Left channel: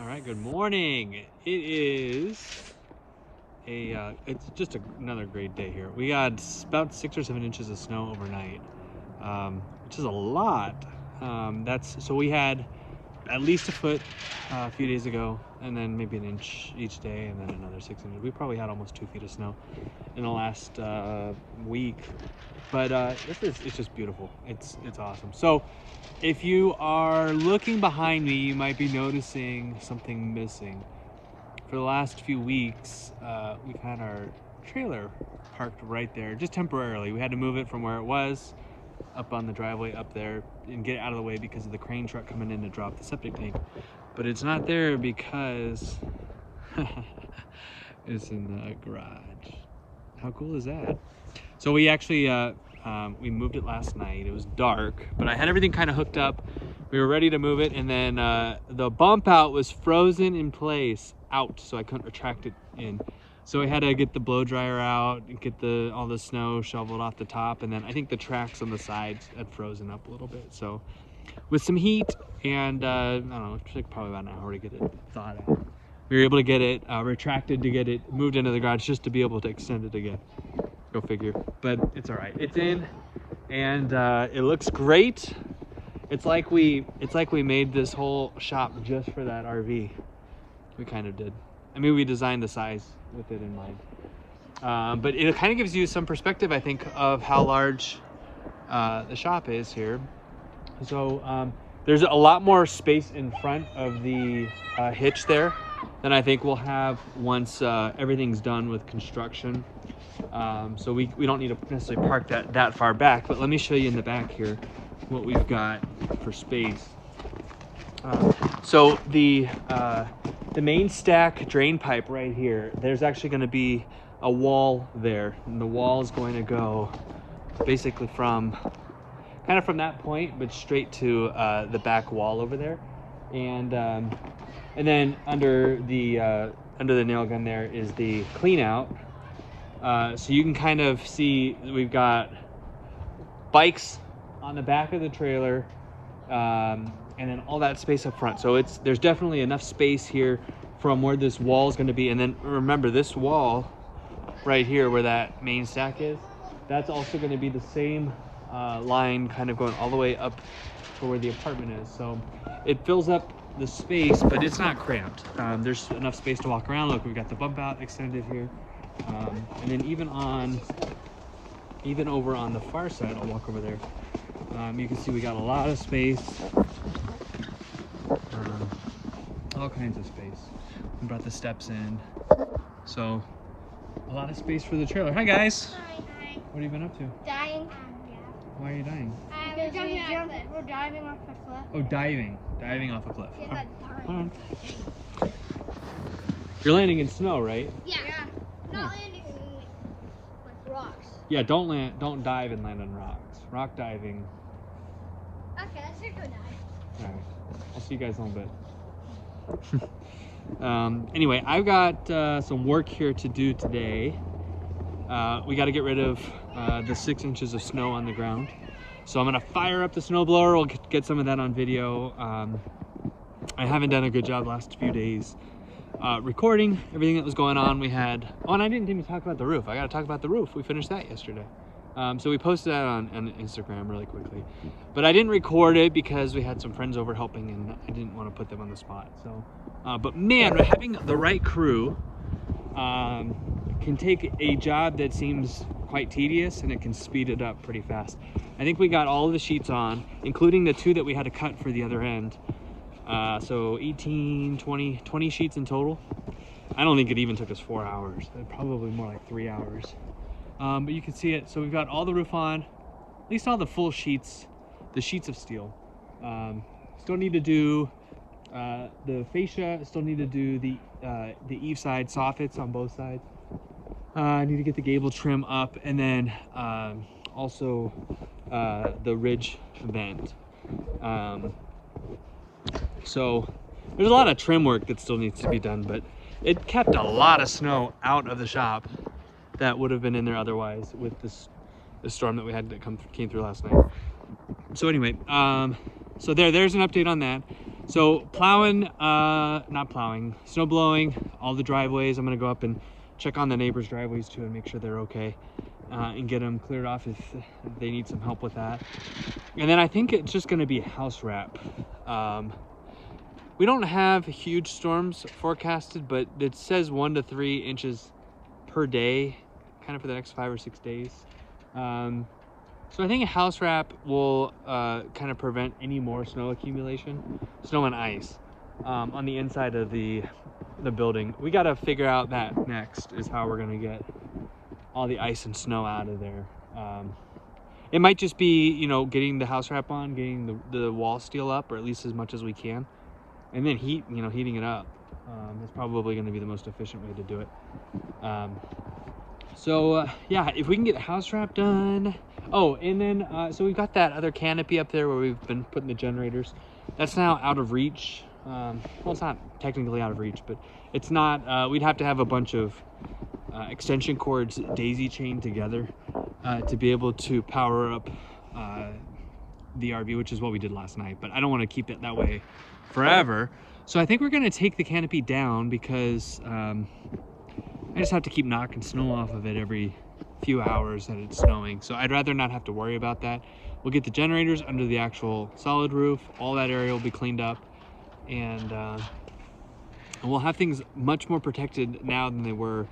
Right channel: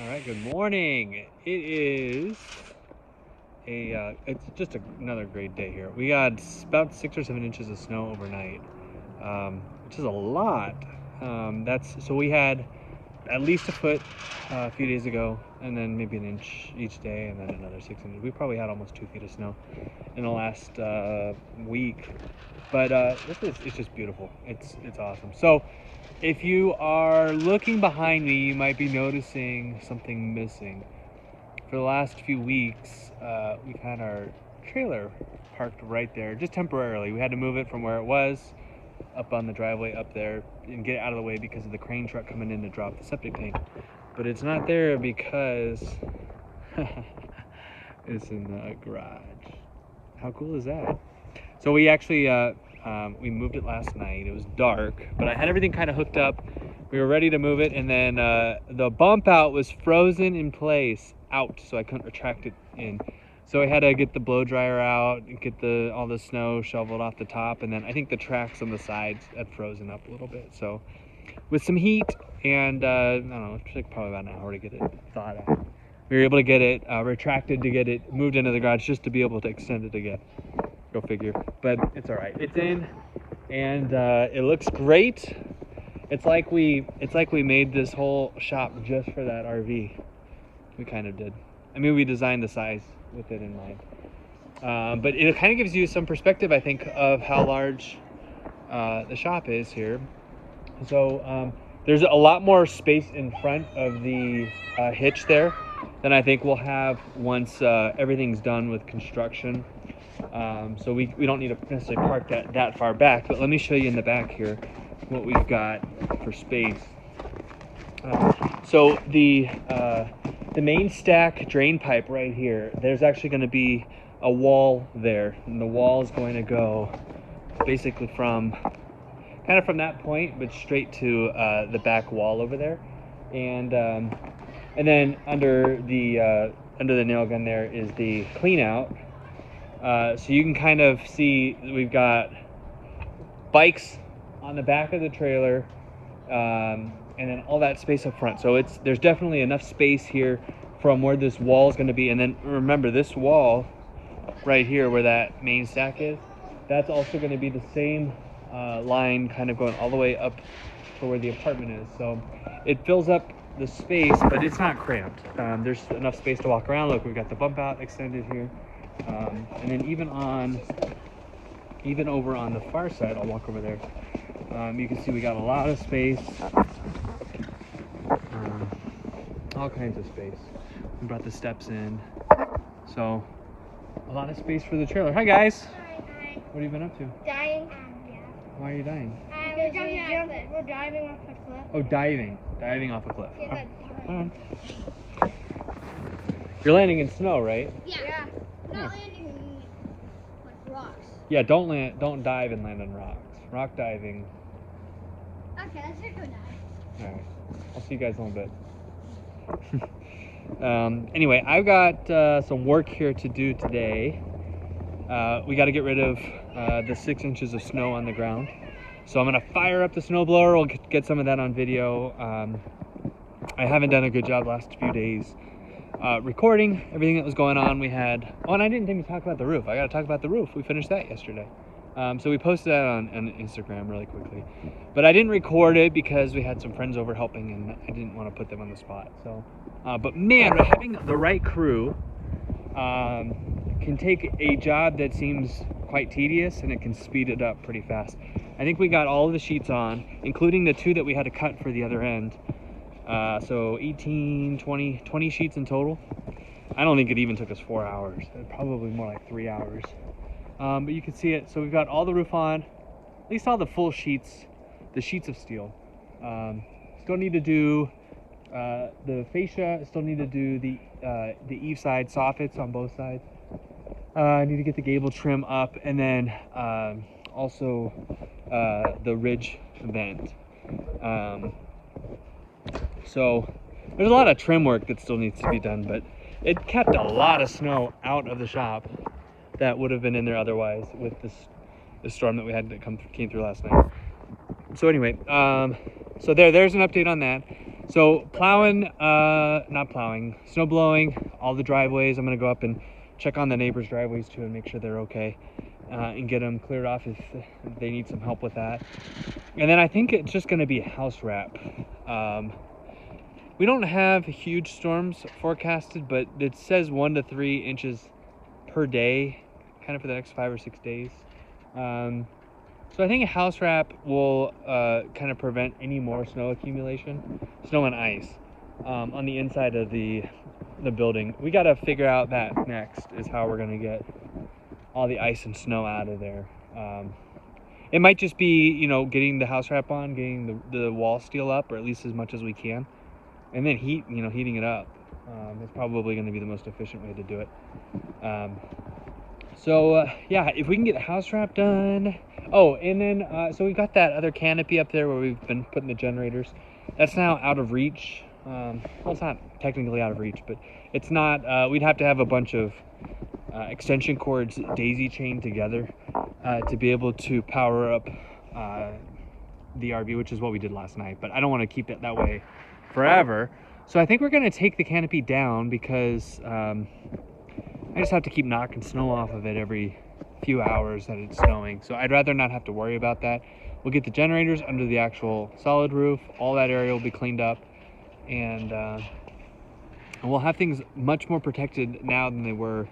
All right, good morning. It is it's just another great day here. We got about 6 or 7 inches of snow overnight, which is a lot. So we had at least a foot a few days ago, and then maybe an inch each day, and then another 6 inches. We probably had almost 2 feet of snow in the last week, but it's just beautiful. It's awesome. So if you are looking behind me, you might be noticing something missing. For the last few weeks, we've had our trailer parked right there, just temporarily. We had to move it from where it was up on the driveway up there and get it out of the way because of the crane truck coming in to drop the septic tank. But it's not there because it's in the garage. How cool is that? So we actually we moved it last night. It was dark, but I had everything kind of hooked up. We were ready to move it, and then the bump out was frozen in place out, so I couldn't retract it in. So I had to get the blow dryer out and get all the snow shoveled off the top, and then I think the tracks on the sides had frozen up a little bit. So with some heat and I don't know, it took probably about an hour to get it thawed out. We were able to get it retracted to get it moved into the garage just to be able to extend it again. Go figure. But it's all right. It's in, and it looks great. It's like we made this whole shop just for that RV. We kind of did. I mean, we designed the size with it in mind. But it kind of gives you some perspective, I think, of how large the shop is here. So there's a lot more space in front of the hitch there than I think we'll have once everything's done with construction. So we don't need to necessarily park that far back, but let me show you in the back here what we've got for space. So the main stack drain pipe right here, there's actually going to be a wall there, and the wall is going to go basically from that point, but straight to the back wall over there, and then under the nail gun there is the clean out. So you can kind of see we've got bikes on the back of the trailer, and then all that space up front. So there's definitely enough space here from where this wall is going to be. And then remember, this wall right here where that main stack is, that's also going to be the same line kind of going all the way up to where the apartment is. So it fills up the space, but it's not cramped. There's enough space to walk around. Look, we've got the bump out extended here. And then even over on the far side, I'll walk over there. You can see we got a lot of space, all kinds of space. We brought the steps in, so a lot of space for the trailer. Hi guys. Hi. What have you been up to? Dying. Yeah. Why are you dying? We're diving off the cliff. Oh, diving off a cliff. Yeah, All right. You're landing in snow, right? Yeah. Yeah. Not landing like rocks. Yeah, don't dive and land on rocks. Rock diving. Okay, let's go dive. All right, I'll see you guys in a little bit. Anyway, I've got some work here to do today. We got to get rid of the 6 inches of snow on the ground. So I'm gonna fire up the snowblower. We'll get some of that on video. I haven't done a good job last few days recording everything that was going on. We had, and I didn't even talk about the roof. I got to talk about the roof. We finished that yesterday. So we posted that on Instagram really quickly, but I didn't record it because we had some friends over helping, and I didn't want to put them on the spot. So, but man, having the right crew can take a job that seems quite tedious, and it can speed it up pretty fast. I think we got all of the sheets on, including the 2 that we had to cut for the other end. So 18, 20 sheets in total. I don't think it even took us 4 hours. Probably more like 3 hours. But you can see it. So we've got all the roof on, at least all the full sheets, the sheets of steel. Still need to do the fascia. Still need to do the eave side soffits on both sides. I need to get the gable trim up, and then also the ridge vent. So there's a lot of trim work that still needs to be done, but it kept a lot of snow out of the shop that would have been in there otherwise with this storm that we had that came through last night. So anyway, so there's an update on that. So plowing, not plowing, snow blowing, all the driveways. I'm gonna go up and check on the neighbors' driveways too and make sure they're okay, and get them cleared off if they need some help with that. And then I think it's just gonna be house wrap. We don't have huge storms forecasted, but it says 1 to 3 inches per day, kind of for the next 5 or 6 days. So I think a house wrap will kind of prevent any more snow accumulation, snow and ice, on the inside of the building. We got to figure out that next, is how we're going to get all the ice and snow out of there. It might just be, you know, getting the house wrap on, getting the wall steel up, or at least as much as we can, and then heating it up. Is probably going to be the most efficient way to do it. Yeah, if we can get house wrap done. Oh, and then so we've got that other canopy up there where we've been putting the generators. That's now out of reach. Well, it's not technically out of reach, but it's not. We'd have to have a bunch of extension cords daisy chained together to be able to power up the RV, which is what we did last night. But I don't want to keep it that way forever. So I think we're going to take the canopy down because I just have to keep knocking snow off of it every few hours that it's snowing. So I'd rather not have to worry about that. We'll get the generators under the actual solid roof. All that area will be cleaned up, and we'll have things much more protected now than they were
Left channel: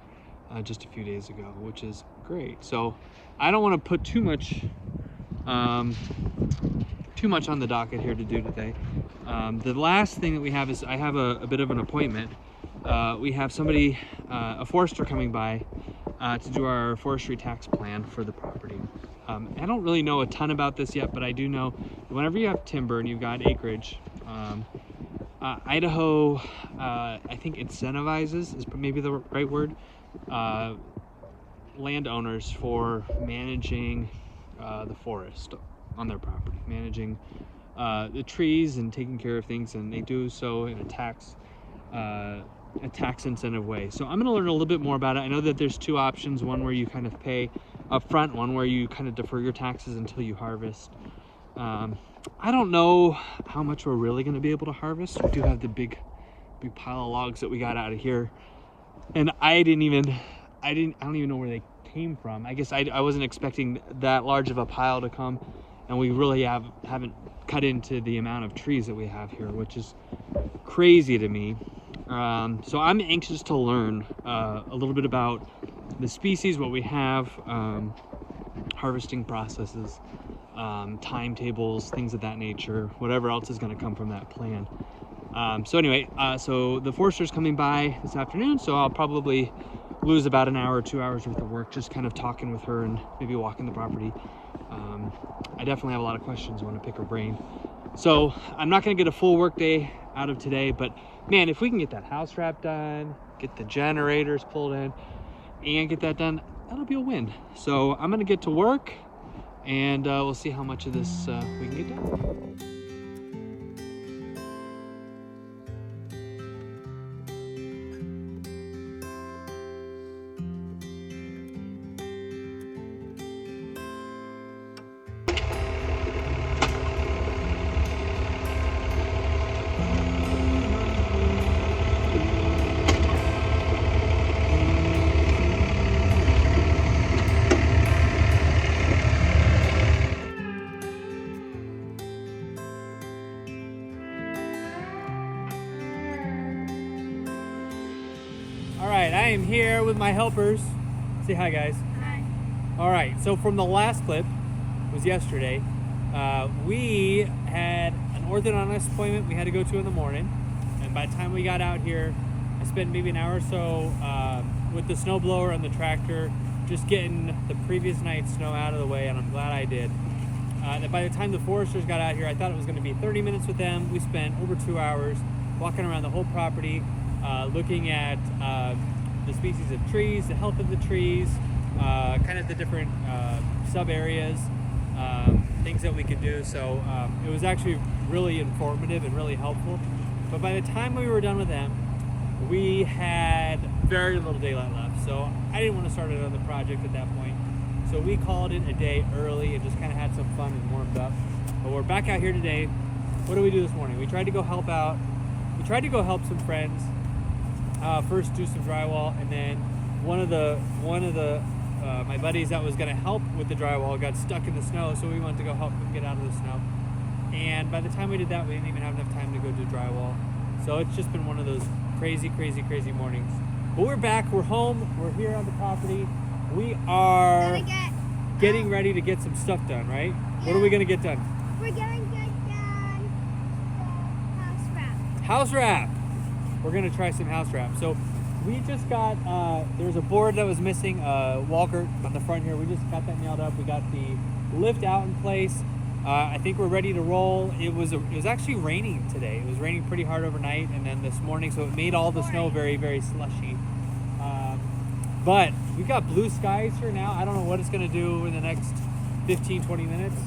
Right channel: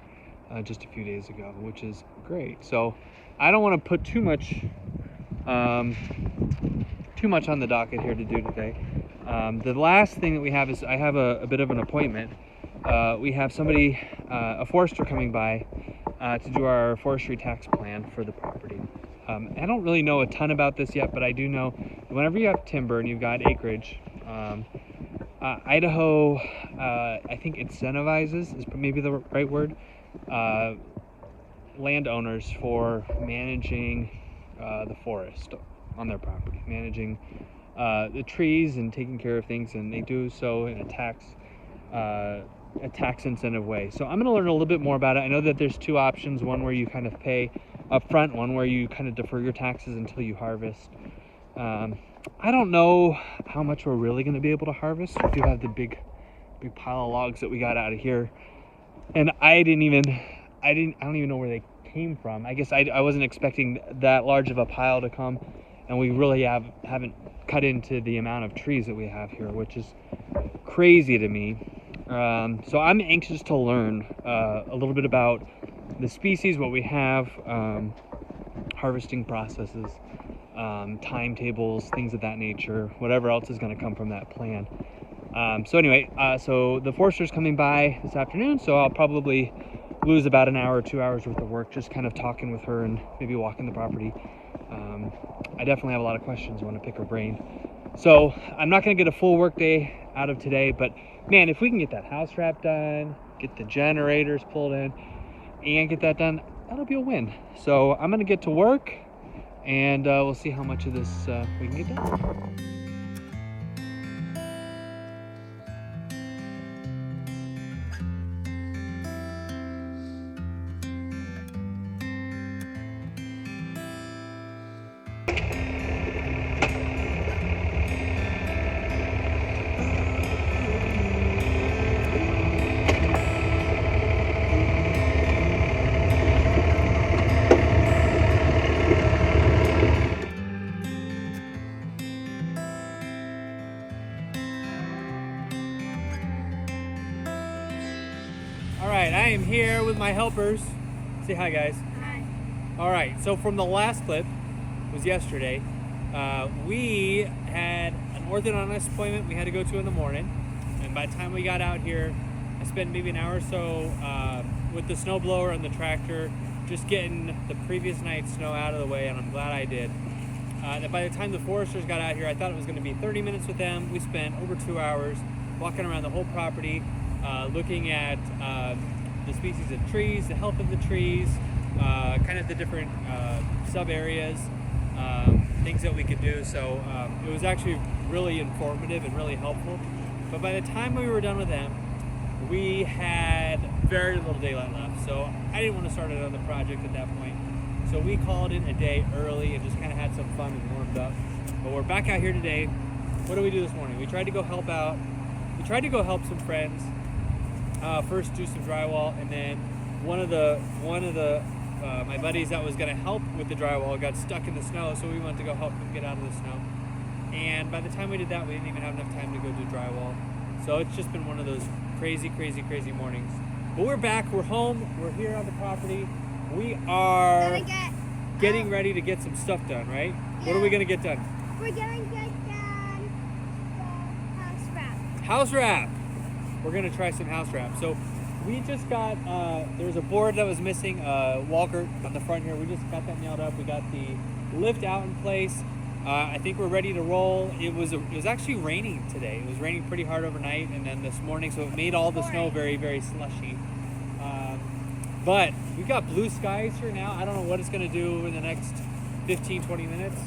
just a few days ago, which is great. So I don't want to put too much on the docket here to do today. The last thing that we have is I have a bit of an appointment. We have somebody, a forester, coming by to do our forestry tax plan for the property. I don't really know a ton about this yet, but I do know that whenever you have timber and you've got acreage, Idaho, I think incentivizes, is maybe the right word, landowners for managing the forest on their property, managing the trees and taking care of things, and they do so in a tax incentive way. So I'm going to learn a little bit more about it. I know that there's two options, one where you kind of pay up front, one where you kind of defer your taxes until you harvest. I don't know how much we're really going to be able to harvest. We do have the big pile of logs that we got out of here, and I don't even know where they came from. I guess I wasn't expecting that large of a pile to come, and we really haven't cut into the amount of trees that we have here, which is crazy to me. So I'm anxious to learn a little bit about the species, what we have, harvesting processes, timetables, things of that nature, whatever else is going to come from that plan. So anyway, so the forester's coming by this afternoon, so I'll probably lose about an hour or 2 hours worth of work just kind of talking with her and maybe walking the property. I definitely have a lot of questions. I want to pick her brain. So I'm not going to get a full work day out of today, but man, if we can get that house wrap done, get the generators pulled in, and get that done, that'll be a win. So I'm going to get to work, and we'll see how much of this we can get done. Alright, I am here with my helpers. Say hi, guys. Hi. Alright, so from the last clip, was yesterday, we had an orthodontist appointment we had to go to in the morning, and by the time we got out here, I spent maybe an hour or so with the snowblower and the tractor, just getting the previous night's snow out of the way, and I'm glad I did. And by the time the foresters got out here, I thought it was going to be 30 minutes with them. We spent over 2 hours walking around the whole property, looking at the species of trees, the health of the trees, kind of the different sub areas, things that we could do. So it was actually really informative and really helpful. But by the time we were done with them, we had very little daylight left. So I didn't want to start another project at that point. So we called it a day early and just kind of had some fun and warmed up. But we're back out here today. what did we do this morning? We tried to go help out. We tried to go help some friends. First do some drywall, and then one of the my buddies that was gonna help with the drywall got stuck in the snow, so we went to go help him get out of the snow. And by the time we did that, we didn't even have enough time to go do drywall. So it's just been one of those crazy mornings. But we're back, we're home, we're here on the property. We are getting ready to get some stuff done, right? Yeah. What are we gonna get done? We're going to get done house wrap. House wrap. We're gonna try some house wrap. So we just got, there's a board that was missing, Walker on the front here. We just got that nailed up. We got the lift out in place. I think we're ready to roll. It was actually raining today. It was raining pretty hard overnight, and then this morning, so it made all the snow very, very slushy. But we've got blue skies here now. I don't know what it's gonna do in the next 15, 20 minutes,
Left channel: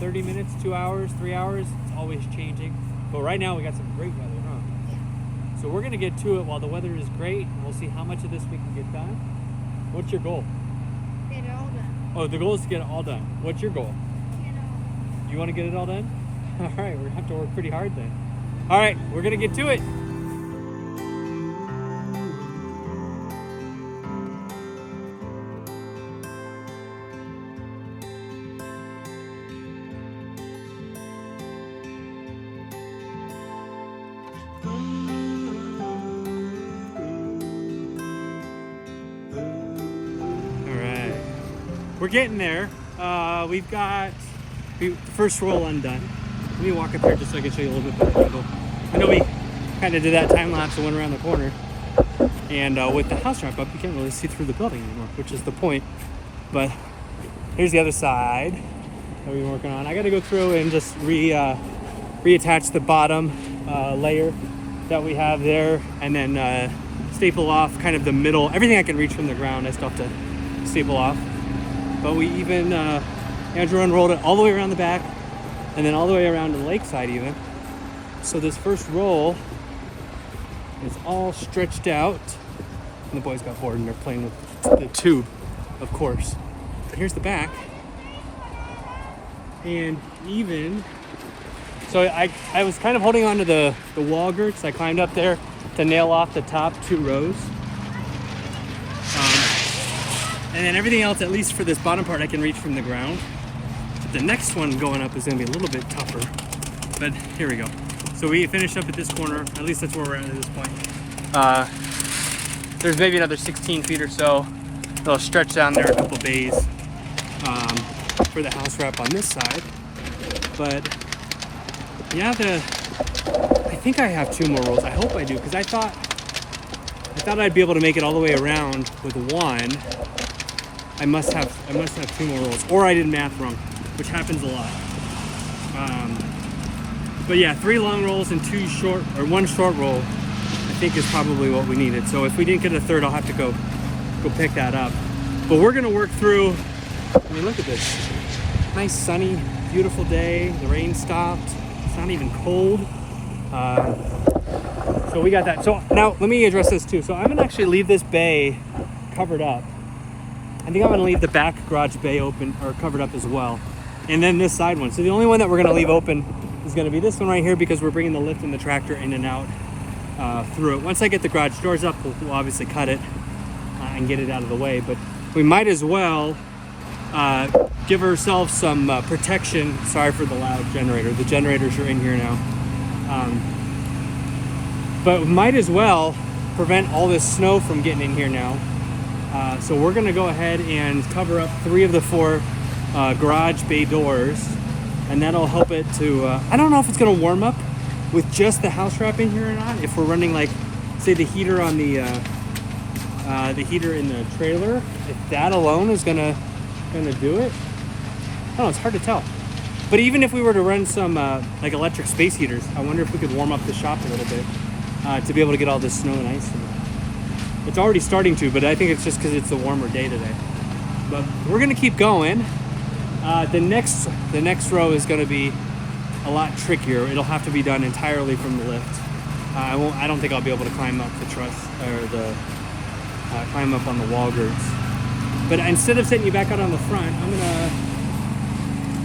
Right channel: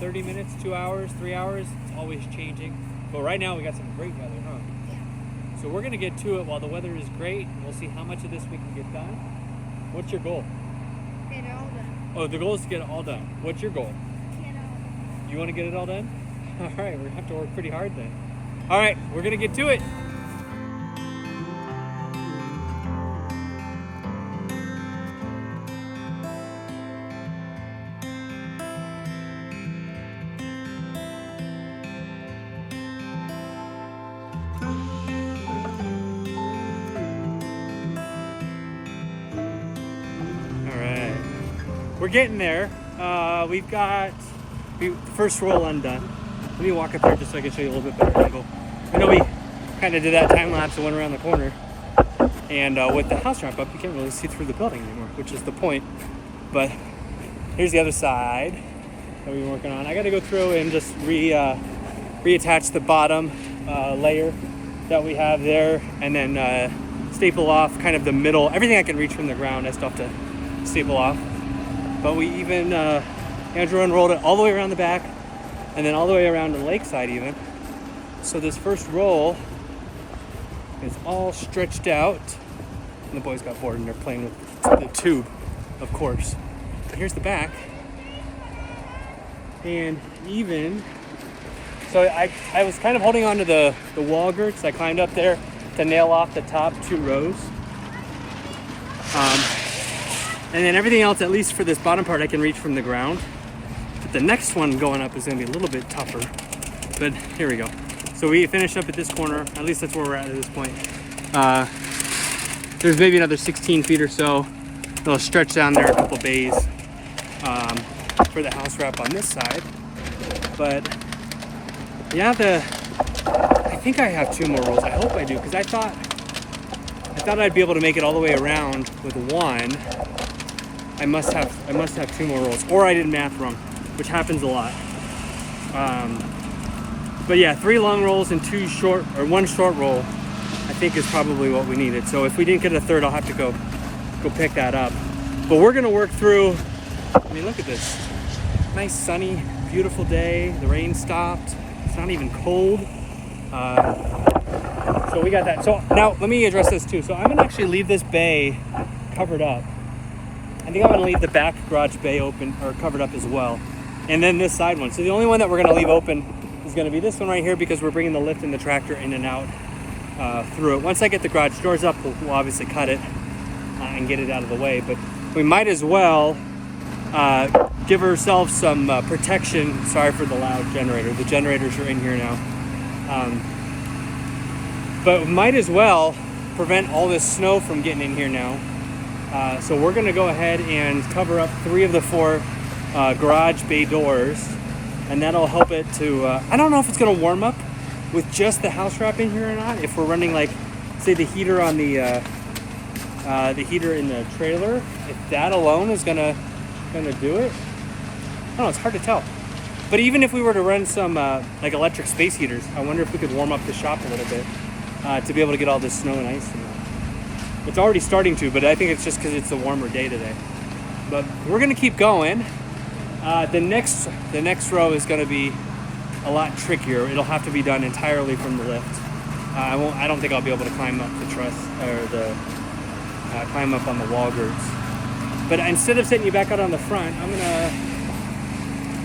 30 minutes, 2 hours, 3 hours. It's always changing. But right now we got some great weather, huh? Yeah. So we're gonna get to it while the weather is great, and we'll see how much of this we can get done. What's your goal? Get it all done. Oh, the goal is to get it all done. What's your goal? Get it all done. You wanna get it all done? All right, we're gonna have to work pretty hard then. All right, we're gonna get to it. We're getting there. We've got the first roll undone. Let me walk up there just so I can show you a little bit better angle. I know we kind of did that time lapse and went around the corner. And with the house wrap up, you can't really see through the building anymore, which is the point. But here's the other side that we've been working on. I got to go through and just reattach the bottom layer that we have there, and then staple off kind of the middle. Everything I can reach from the ground, I still have to staple off. But we even, Andrew unrolled it all the way around the back, and then all the way around the lakeside even. So this first roll is all stretched out. And the boys got bored and they're playing with the tube, of course. But here's the back. And even, so I was kind of holding onto the wall girts. I climbed up there to nail off the top 2 rows. And then everything else, at least for this bottom part, I can reach from the ground. But the next one going up is gonna be a little bit tougher. But here we go. So we finished up at this corner. At least that's where we're at this point. There's maybe another 16 feet or so. They'll stretch down there a couple bays for the house wrap on this side. But yeah, I think I have 2 more rolls. I hope I do, because I thought I'd be able to make it all the way around with 1. I must have 2 more rolls, or I did math wrong, which happens a lot. But yeah, 3 long rolls and 2 short, or 1 short roll, I think is probably what we needed. So if we didn't get a third, I'll have to go pick that up. But we're gonna work through. I mean, look at this, nice sunny, beautiful day. The rain stopped. It's not even cold. So we got that. So now let me address this too. So I'm gonna actually leave this bay covered up. I think I'm gonna leave the back garage bay open or covered up as well. And then this side one. So the only one that we're gonna leave open is gonna be this one right here, because we're bringing the lift and the tractor in and out through it. Once I get the garage doors up, we'll obviously cut it and get it out of the way. But we might as well give ourselves some protection. Sorry for the loud generator. The generators are in here now. But we might as well prevent all this snow from getting in here now. So we're gonna go ahead and cover up 3 of the 4 garage bay doors, and that'll help it to, I don't know if it's gonna warm up with just the house wrap in here or not. If we're running, like, say the heater on the heater in the trailer, if that alone is gonna do it. I don't know, it's hard to tell. But even if we were to run some like electric space heaters, I wonder if we could warm up the shop a little bit to be able to get all this snow and ice. It's already starting to, but I think it's just because it's a warmer day today. But we're gonna keep going. The next row is gonna be a lot trickier. It'll have to be done entirely from the lift. I don't think I'll be able to climb up the truss or climb up on the wall girts. But instead of setting you back out on the front, I'm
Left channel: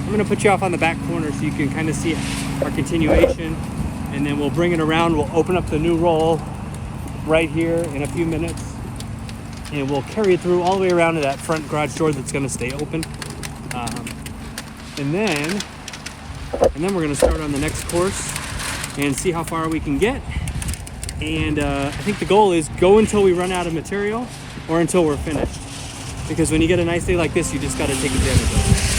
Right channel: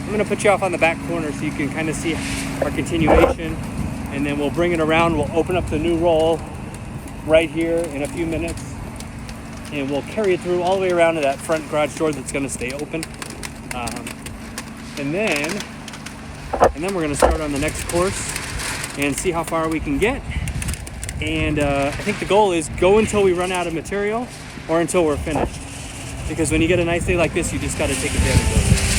I'm gonna put you off on the back corner so you can kind of see our continuation, and then we'll bring it around. We'll open up the new roll right here in a few minutes, and we'll carry it through all the way around to that front garage door that's gonna stay open. And then we're gonna start on the next course and see how far we can get. And I think the goal is go until we run out of material or until we're finished. Because when you get a nice day like this, you just gotta take advantage of it.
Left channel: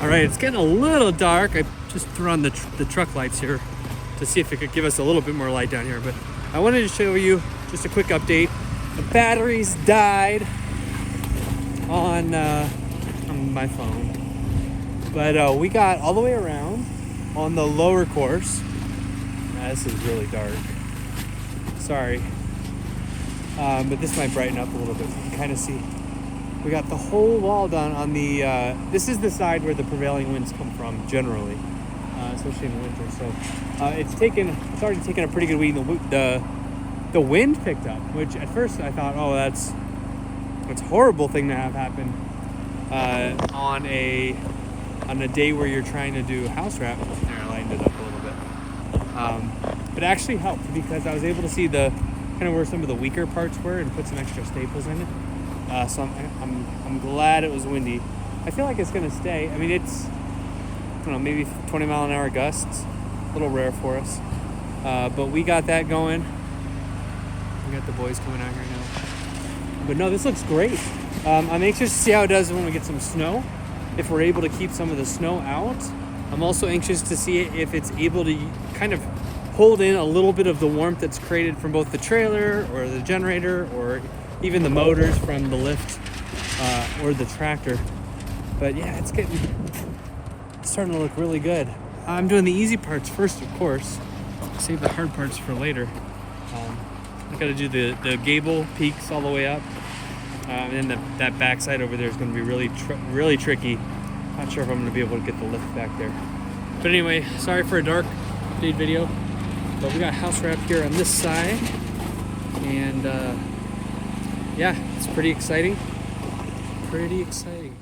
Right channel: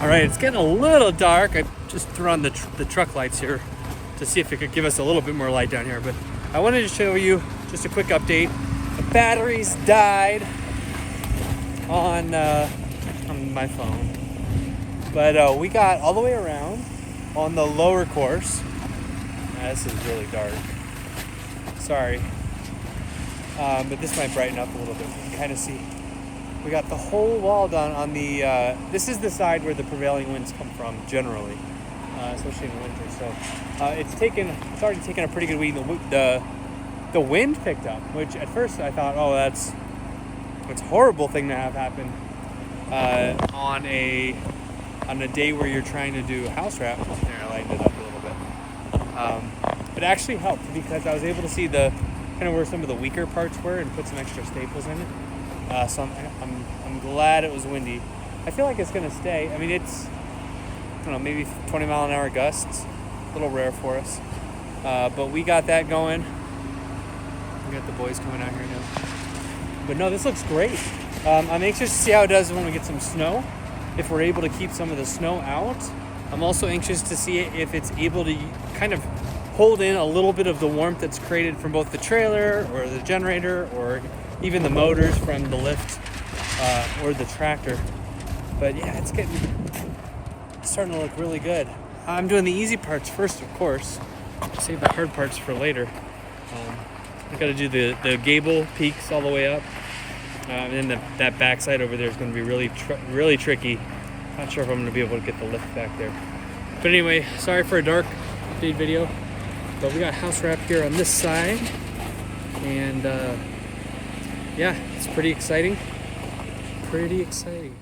All right, it's getting a little dark. I just threw on the truck lights here to see if it could give us a little bit more light down here. But I wanted to show you just a quick update. The batteries died on my phone. But we got all the way around on the lower course. This is really dark. Sorry. But this might brighten up a little bit. You can kind of see. We got the whole wall done on the, this is the side where the prevailing winds come from generally, especially in the winter. So it's already taken a pretty good week. The wind picked up, which at first I thought, oh, that's a horrible thing to have happen on a day where you're trying to do house wrap. There, I lightened it up a little bit. But it actually helped because I was able to see the kind of where some of the weaker parts were and put some extra staples in it. So I'm glad it was windy. I feel like it's gonna stay. I mean, it's, I don't know, maybe 20 mile an hour gusts. A little rare for us. But we got that going. We got the boys coming out here now. But no, this looks great. I'm anxious to see how it does when we get some snow. If we're able to keep some of the snow out. I'm also anxious to see if it's able to kind of hold in a little bit of the warmth that's created from both the trailer or the generator or even the motors from the lift or the tractor. But yeah, it's starting to look really good. I'm doing the easy parts first, of course. Save the hard parts for later. I gotta do the gable peaks all the way up. And then that backside over there is gonna be really tricky. Not sure if I'm gonna be able to get the lift back there. But anyway, sorry for a dark update video. But we got house wrap here on this side. And yeah, it's pretty exciting. Pretty exciting.